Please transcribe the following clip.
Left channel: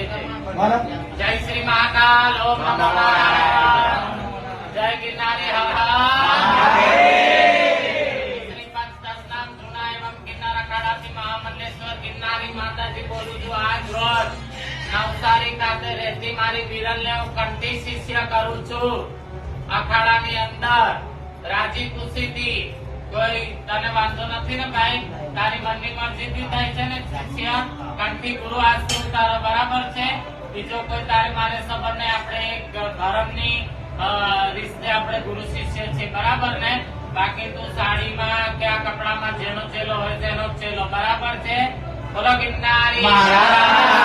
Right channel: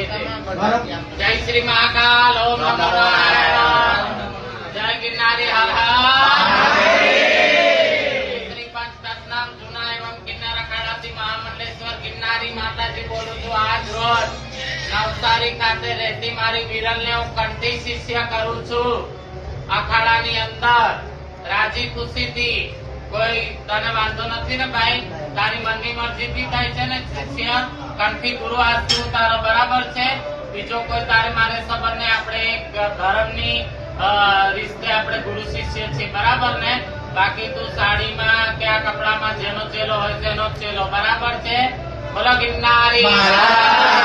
જય શ્રી મહાકાલ ઓમ નમો નારાયણ જય ગિરનારી હર હર શ્રી પંચતત્નામ જૂના એવં ગિરનાર અખાડાથી મહામંડલેશ્વર ગિરનારી માતાજી બોલું છું. આજ રોજ નવસારી ખાતે રહેતી મારી વિરલને હું કંઠી શિષ્ય કરું છું. અખાડાની અંદર રાજી ખુશીથી કોઈ તને વાંધો નથી ને ભાઈ, તારી મનની મરજીથી થાય છે ને શિષ્ય કંઠી પૂરો આજથી ઉતારો, બરાબર છે. બીજો કોઈ તારે મારે સંબંધ ને આપણે એક ધર્મની રીતે આપણે ગુરુ શિષ્ય છીએ, બરાબર ને. બાકી તું સાડીમાં કે આ કપડામાં જેનો ચેલો હોય તેનો ચેલો, બરાબર છે. બોલો ગિરનારી.